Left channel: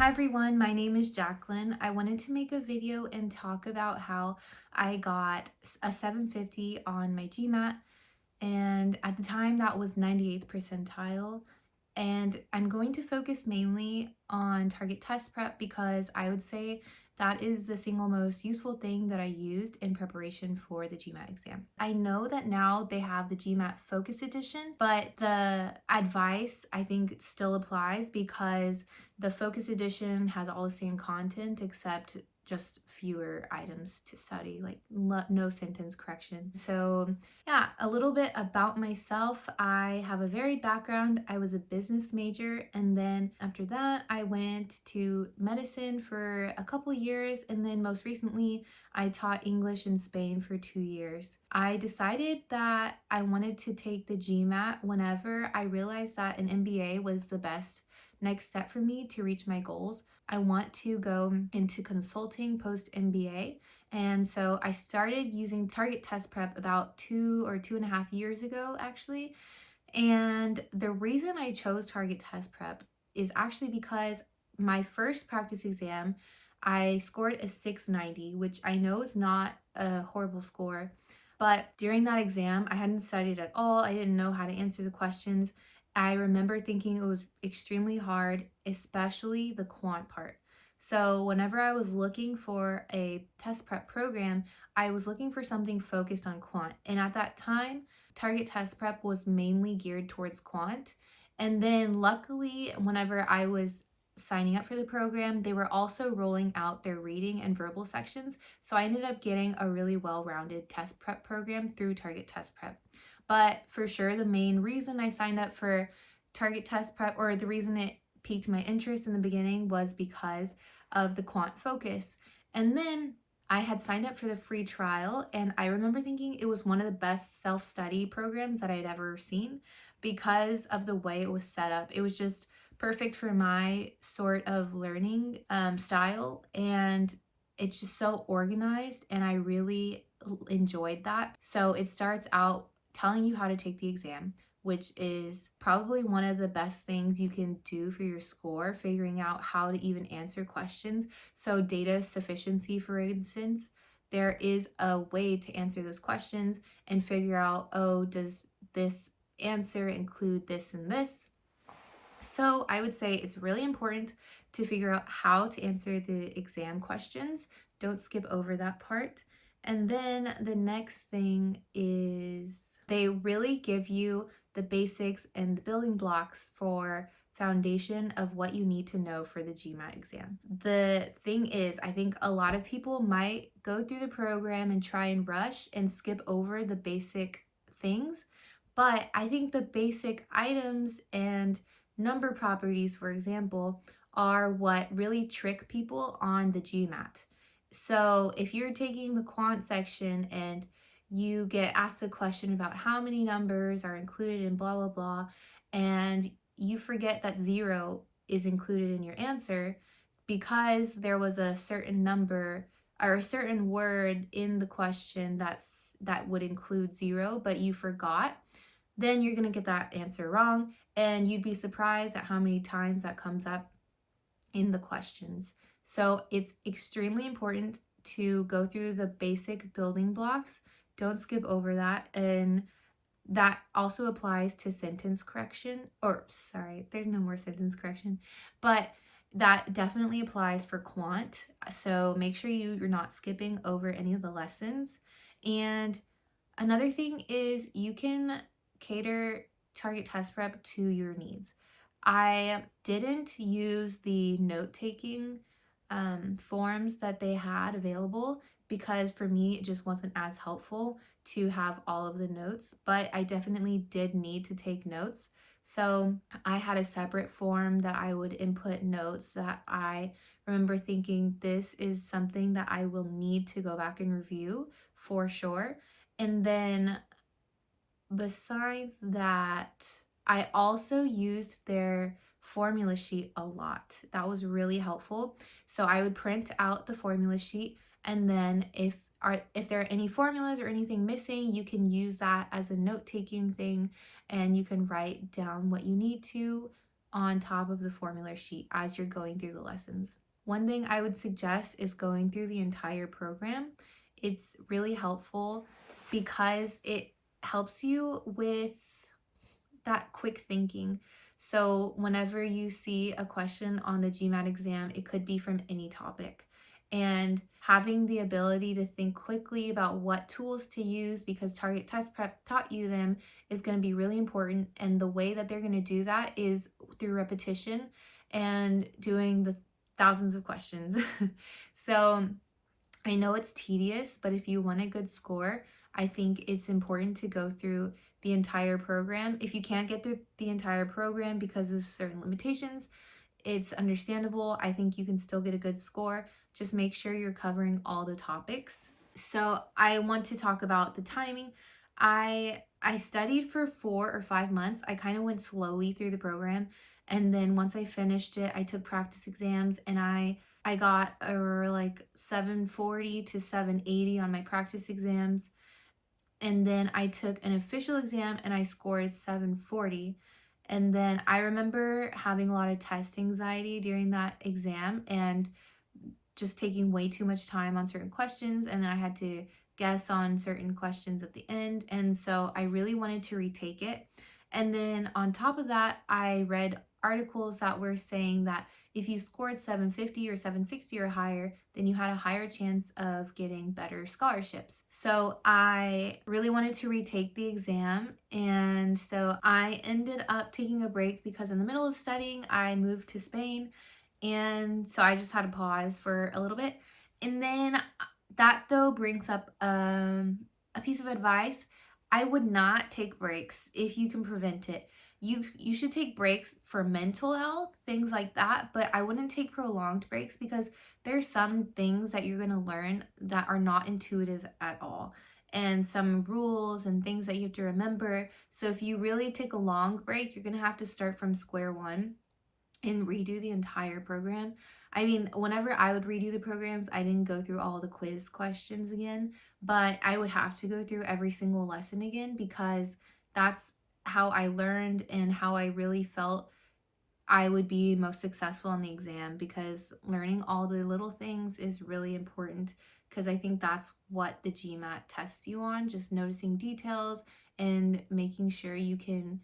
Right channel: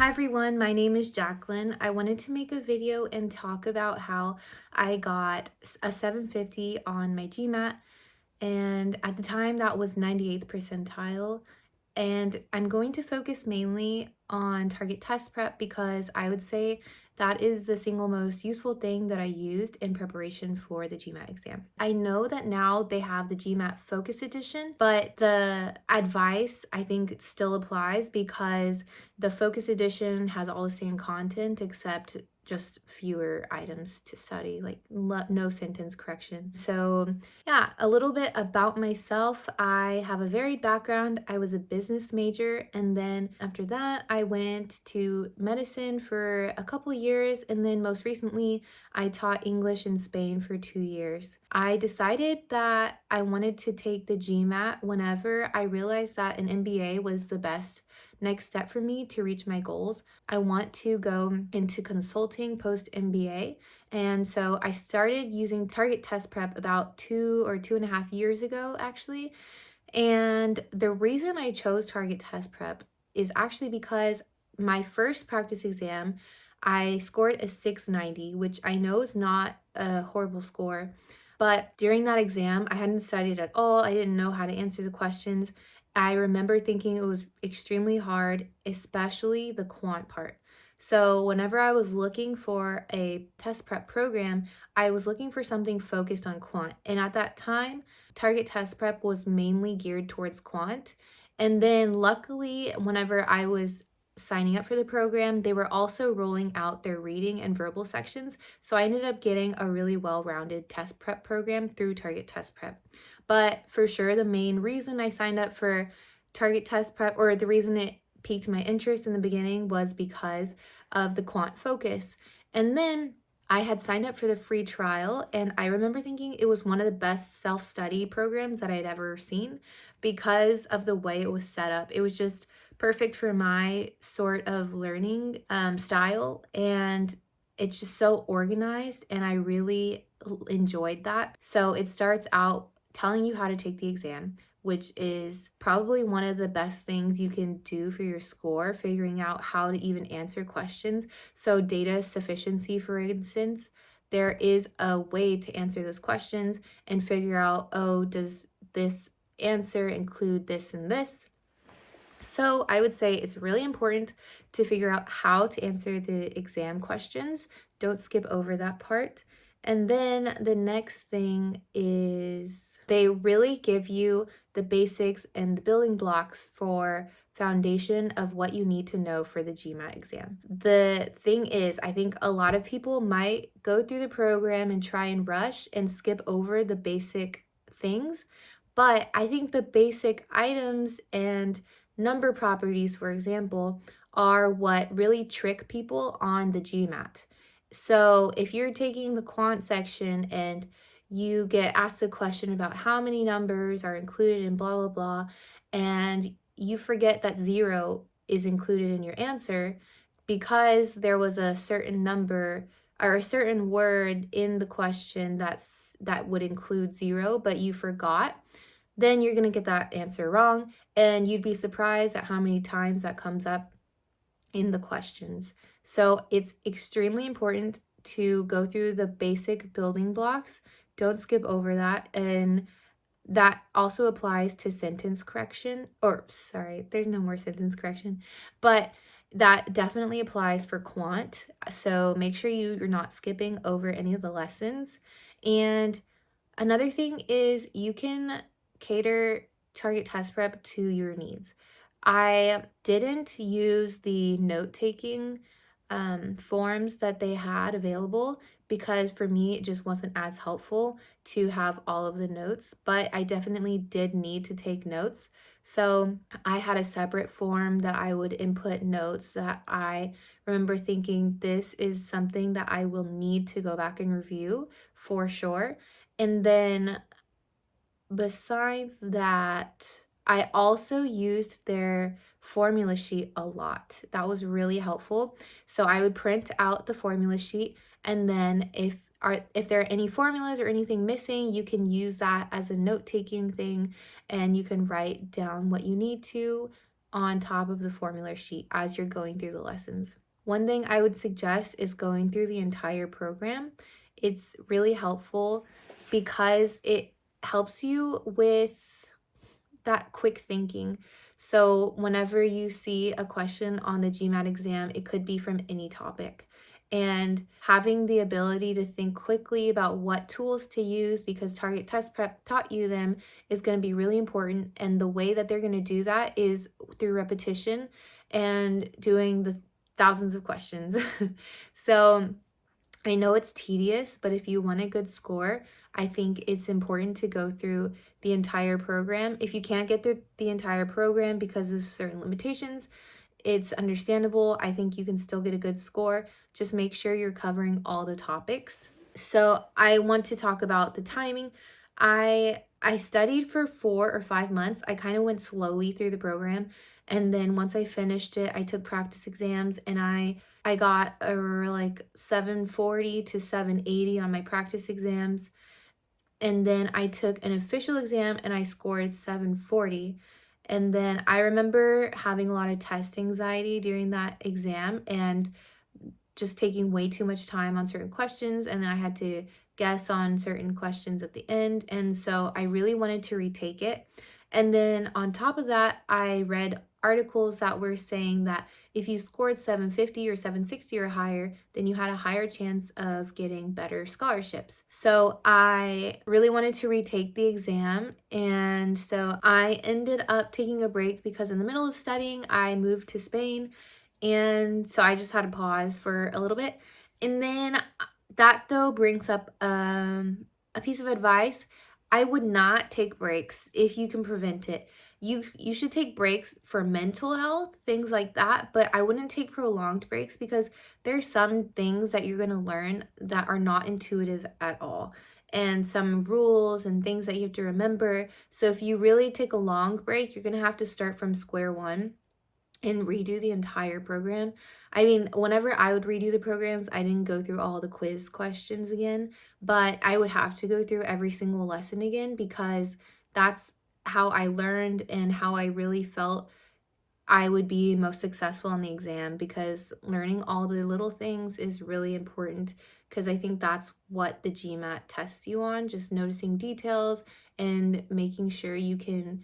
Hi everyone, my name is Jacqueline. I wanted to make a video and talk about how I got a 750 on my GMAT, and at the time that was 98th percentile. And I'm going to focus mainly on target test prep because I would say that is the single most useful thing that I used in preparation for the GMAT exam. I know that now they have the GMAT Focus Edition, but the advice I think still applies because the Focus Edition has all the same content except just fewer items to study, like no sentence correction. So yeah, a little bit about myself. I have a varied background. I was a business major, and then after that, I went to medicine for a couple years, and then most recently, I taught English in Spain for 2 years. I decided that I wanted to take the GMAT whenever I realized that an MBA was the best next step for me to reach my goals. I want to go into consulting post MBA. And so I started using target test prep about 2 or 2.5 years ago, actually. And the reason I chose target test prep is actually because my first practice exam, I scored a 690, which I know is not a horrible score. But during that exam, I hadn't studied at all. I didn't know how to answer the questions. I remember thinking it was extremely hard, especially the quant part. So, whenever I was looking for a test prep program, I was looking for something focused on quant. And at that time, target test prep was mainly geared towards quant. And then, luckily, whenever I was signing up for the program, they were also rolling out their reading and verbal sections. So, I ended up getting a really well rounded test prep program through target test prep. But for sure, the main reason I signed up for target test prep, or the reason it piqued my interest in the beginning, was because of the quant focus. And then I had signed up for the free trial, and I remember thinking it was one of the best self study programs that I'd ever seen because of the way it was set up. It was just perfect for my sort of learning style, and it's just so organized, and I really enjoyed that. So it starts out telling you how to take the exam, which is probably one of the best things you can do for your score, figuring out how to even answer questions. So, data sufficiency, for instance, there is a way to answer those questions and figure out, oh, does this answer include this and this? So, I would say it's really important to figure out how to answer the exam questions. Don't skip over that part. And then the next thing is they really give you the basics and the building blocks for foundation of what you need to know for the GMAT exam. The thing is, I think a lot of people might go through the program and try and rush and skip over the basic things, but I think the basic items and number properties, for example, are what really trick people on the GMAT. So if you're taking the quant section and you get asked a question about how many numbers are included in blah, blah, blah, and you forget that zero is included in your answer because there was a certain number or a certain word in the question that would include zero, but you forgot, then you're going to get that answer wrong. And you'd be surprised at how many times that comes up in the questions. So it's extremely important to go through the basic building blocks. Don't skip over that. And that also applies to sentence correction, or sorry, there's no more sentence correction, but that definitely applies for quant. So make sure you're not skipping over any of the lessons. And another thing is you can cater target test prep to your needs. I didn't use the note taking forms that they had available because for me it just wasn't as helpful to have all of the notes, but I definitely did need to take notes. So I had a separate form that I would input notes that I remember thinking this is something that I will need to go back and review for sure. And then besides that, I also used their formula sheet a lot. That was really helpful. So I would print out the formula sheet, and then if there are any formulas or anything missing, you can use that as a note-taking thing, and you can write down what you need to on top of the formula sheet as you're going through the lessons. One thing I would suggest is going through the entire program. It's really helpful because it helps you with that quick thinking. So, whenever you see a question on the GMAT exam, it could be from any topic. And having the ability to think quickly about what tools to use because Target Test Prep taught you them is going to be really important. And the way that they're going to do that is through repetition and doing the thousands of questions. So, I know it's tedious, but if you want a good score, I think it's important to go through the entire program. If you can't get through the entire program because of certain limitations, it's understandable. I think you can still get a good score. Just make sure you're covering all the topics. So I want to talk about the timing. I studied for 4 or 5 months. I kind of went slowly through the program, and then once I finished it, I took practice exams, and I got a like 740 to 780 on my practice exams. And then I took an official exam and I scored 740. And then I remember having a lot of test anxiety during that exam and just taking way too much time on certain questions. And then I had to guess on certain questions at the end. And so I really wanted to retake it. And then on top of that, I read articles that were saying that if you scored 750 or 760 or higher, then you had a higher chance of getting better scholarships. So I really wanted to retake the exam. And so I ended up taking a break because in the middle of studying, I moved to Spain. And so I just had to pause for a little bit. And then that though brings up a piece of advice. I would not take breaks if you can prevent it. You should take breaks for mental health, things like that, but I wouldn't take prolonged breaks because there's some things that you're going to learn that are not intuitive at all. And some rules and things that you have to remember. So if you really take a long break, you're going to have to start from square one and redo the entire program. I mean, whenever I would redo the programs, I didn't go through all the quiz questions again, but I would have to go through every single lesson again because that's how I learned and how I really felt I would be most successful in the exam because learning all the little things is really important because I think that's what the GMAT tests you on, just noticing details and making sure you can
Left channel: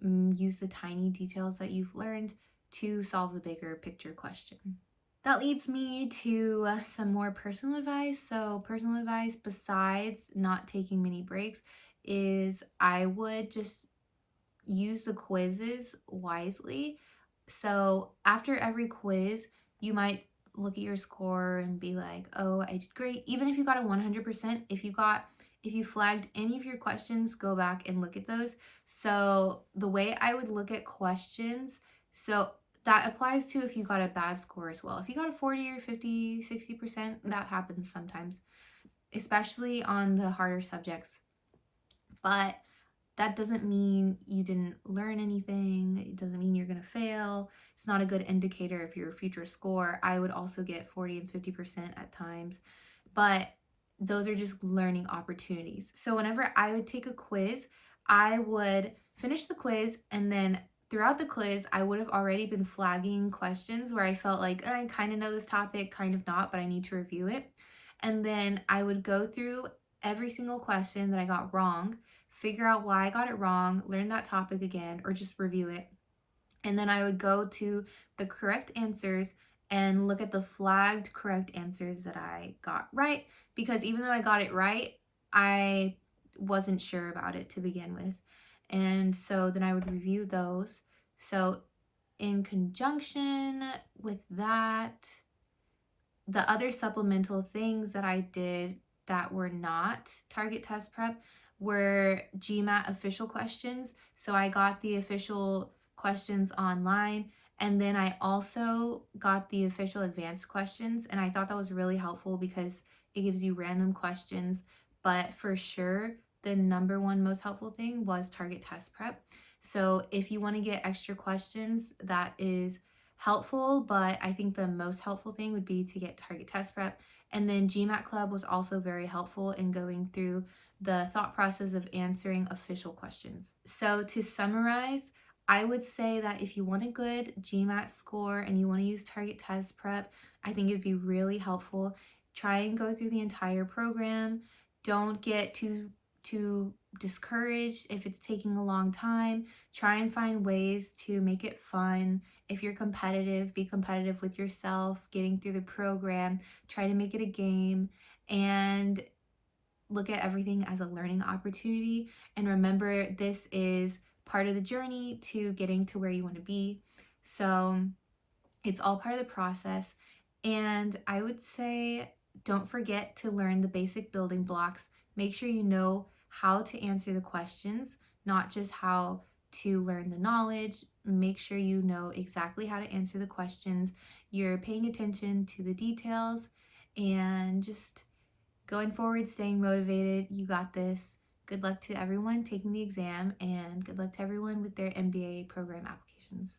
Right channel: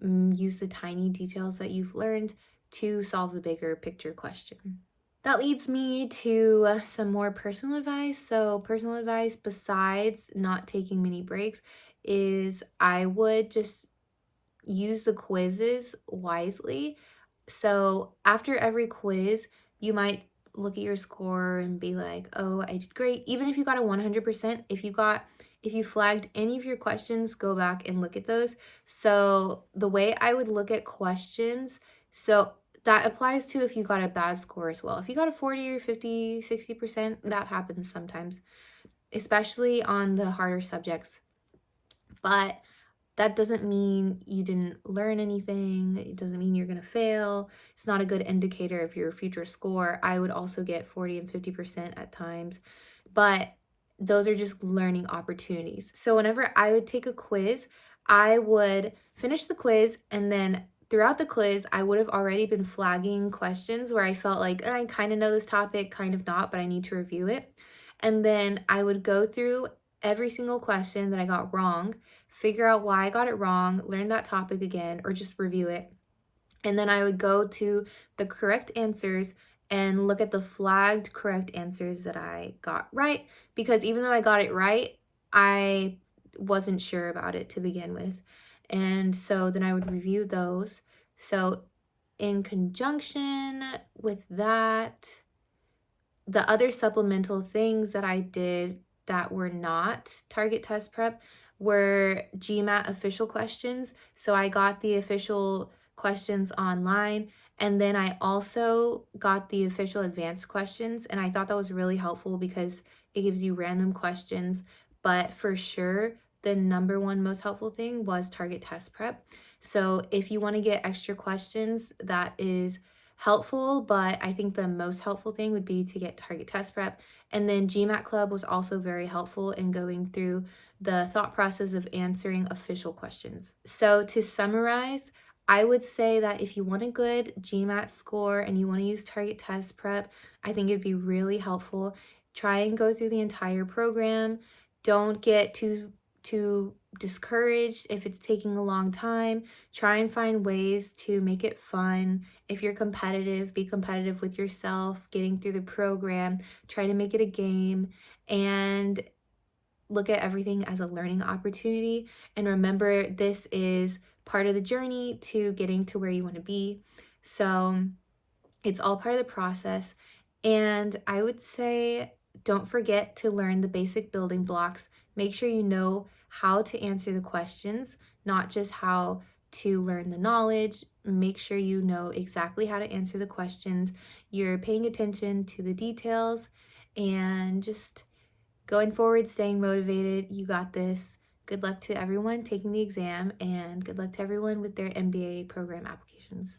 use the tiny details that you've learned to solve the bigger picture question. That leads me to some more personal advice. So, personal advice besides not taking many breaks is I would just use the quizzes wisely. So, after every quiz, you might look at your score and be like, "Oh, I did great." Even if you got a 100%, if you flagged any of your questions, go back and look at those. So, the way I would look at questions, so that applies to if you got a bad score as well. If you got a 40 or 50, 60%, that happens sometimes, especially on the harder subjects. But that doesn't mean you didn't learn anything. It doesn't mean you're going to fail. It's not a good indicator of your future score. I would also get 40 and 50% at times, but those are just learning opportunities. So whenever I would take a quiz, I would finish the quiz and then throughout the quiz, I would have already been flagging questions where I felt like I kind of know this topic, kind of not, but I need to review it. And then I would go through every single question that I got wrong, figure out why I got it wrong, learn that topic again, or just review it. And then I would go to the correct answers and look at the flagged correct answers that I got right. Because even though I got it right, I wasn't sure about it to begin with. And so then I would review those. So, in conjunction with that, the other supplemental things that I did that were not target test prep were GMAT official questions. So I got the official questions online and then I also got the official advanced questions and I thought that was really helpful because it gives you random questions, but for sure the number one most helpful thing was target test prep. So if you want to get extra questions, that is helpful, but I think the most helpful thing would be to get target test prep. And then GMAT Club was also very helpful in going through the thought process of answering official questions. So to summarize, I would say that if you want a good GMAT score and you want to use target test prep, I think it'd be really helpful. Try and go through the entire program. Don't get too discouraged if it's taking a long time. Try and find ways to make it fun. If you're competitive, be competitive with yourself, getting through the program. Try to make it a game and look at everything as a learning opportunity. And remember, this is part of the journey to getting to where you want to be. So it's all part of the process. And I would say don't forget to learn the basic building blocks. Make sure you know how to answer the questions, not just how to learn the knowledge. Make sure you know exactly how to answer the questions. You're paying attention to the details and just going forward, staying motivated. You got this. Good luck to everyone taking the exam, and good luck to everyone with their MBA program applications.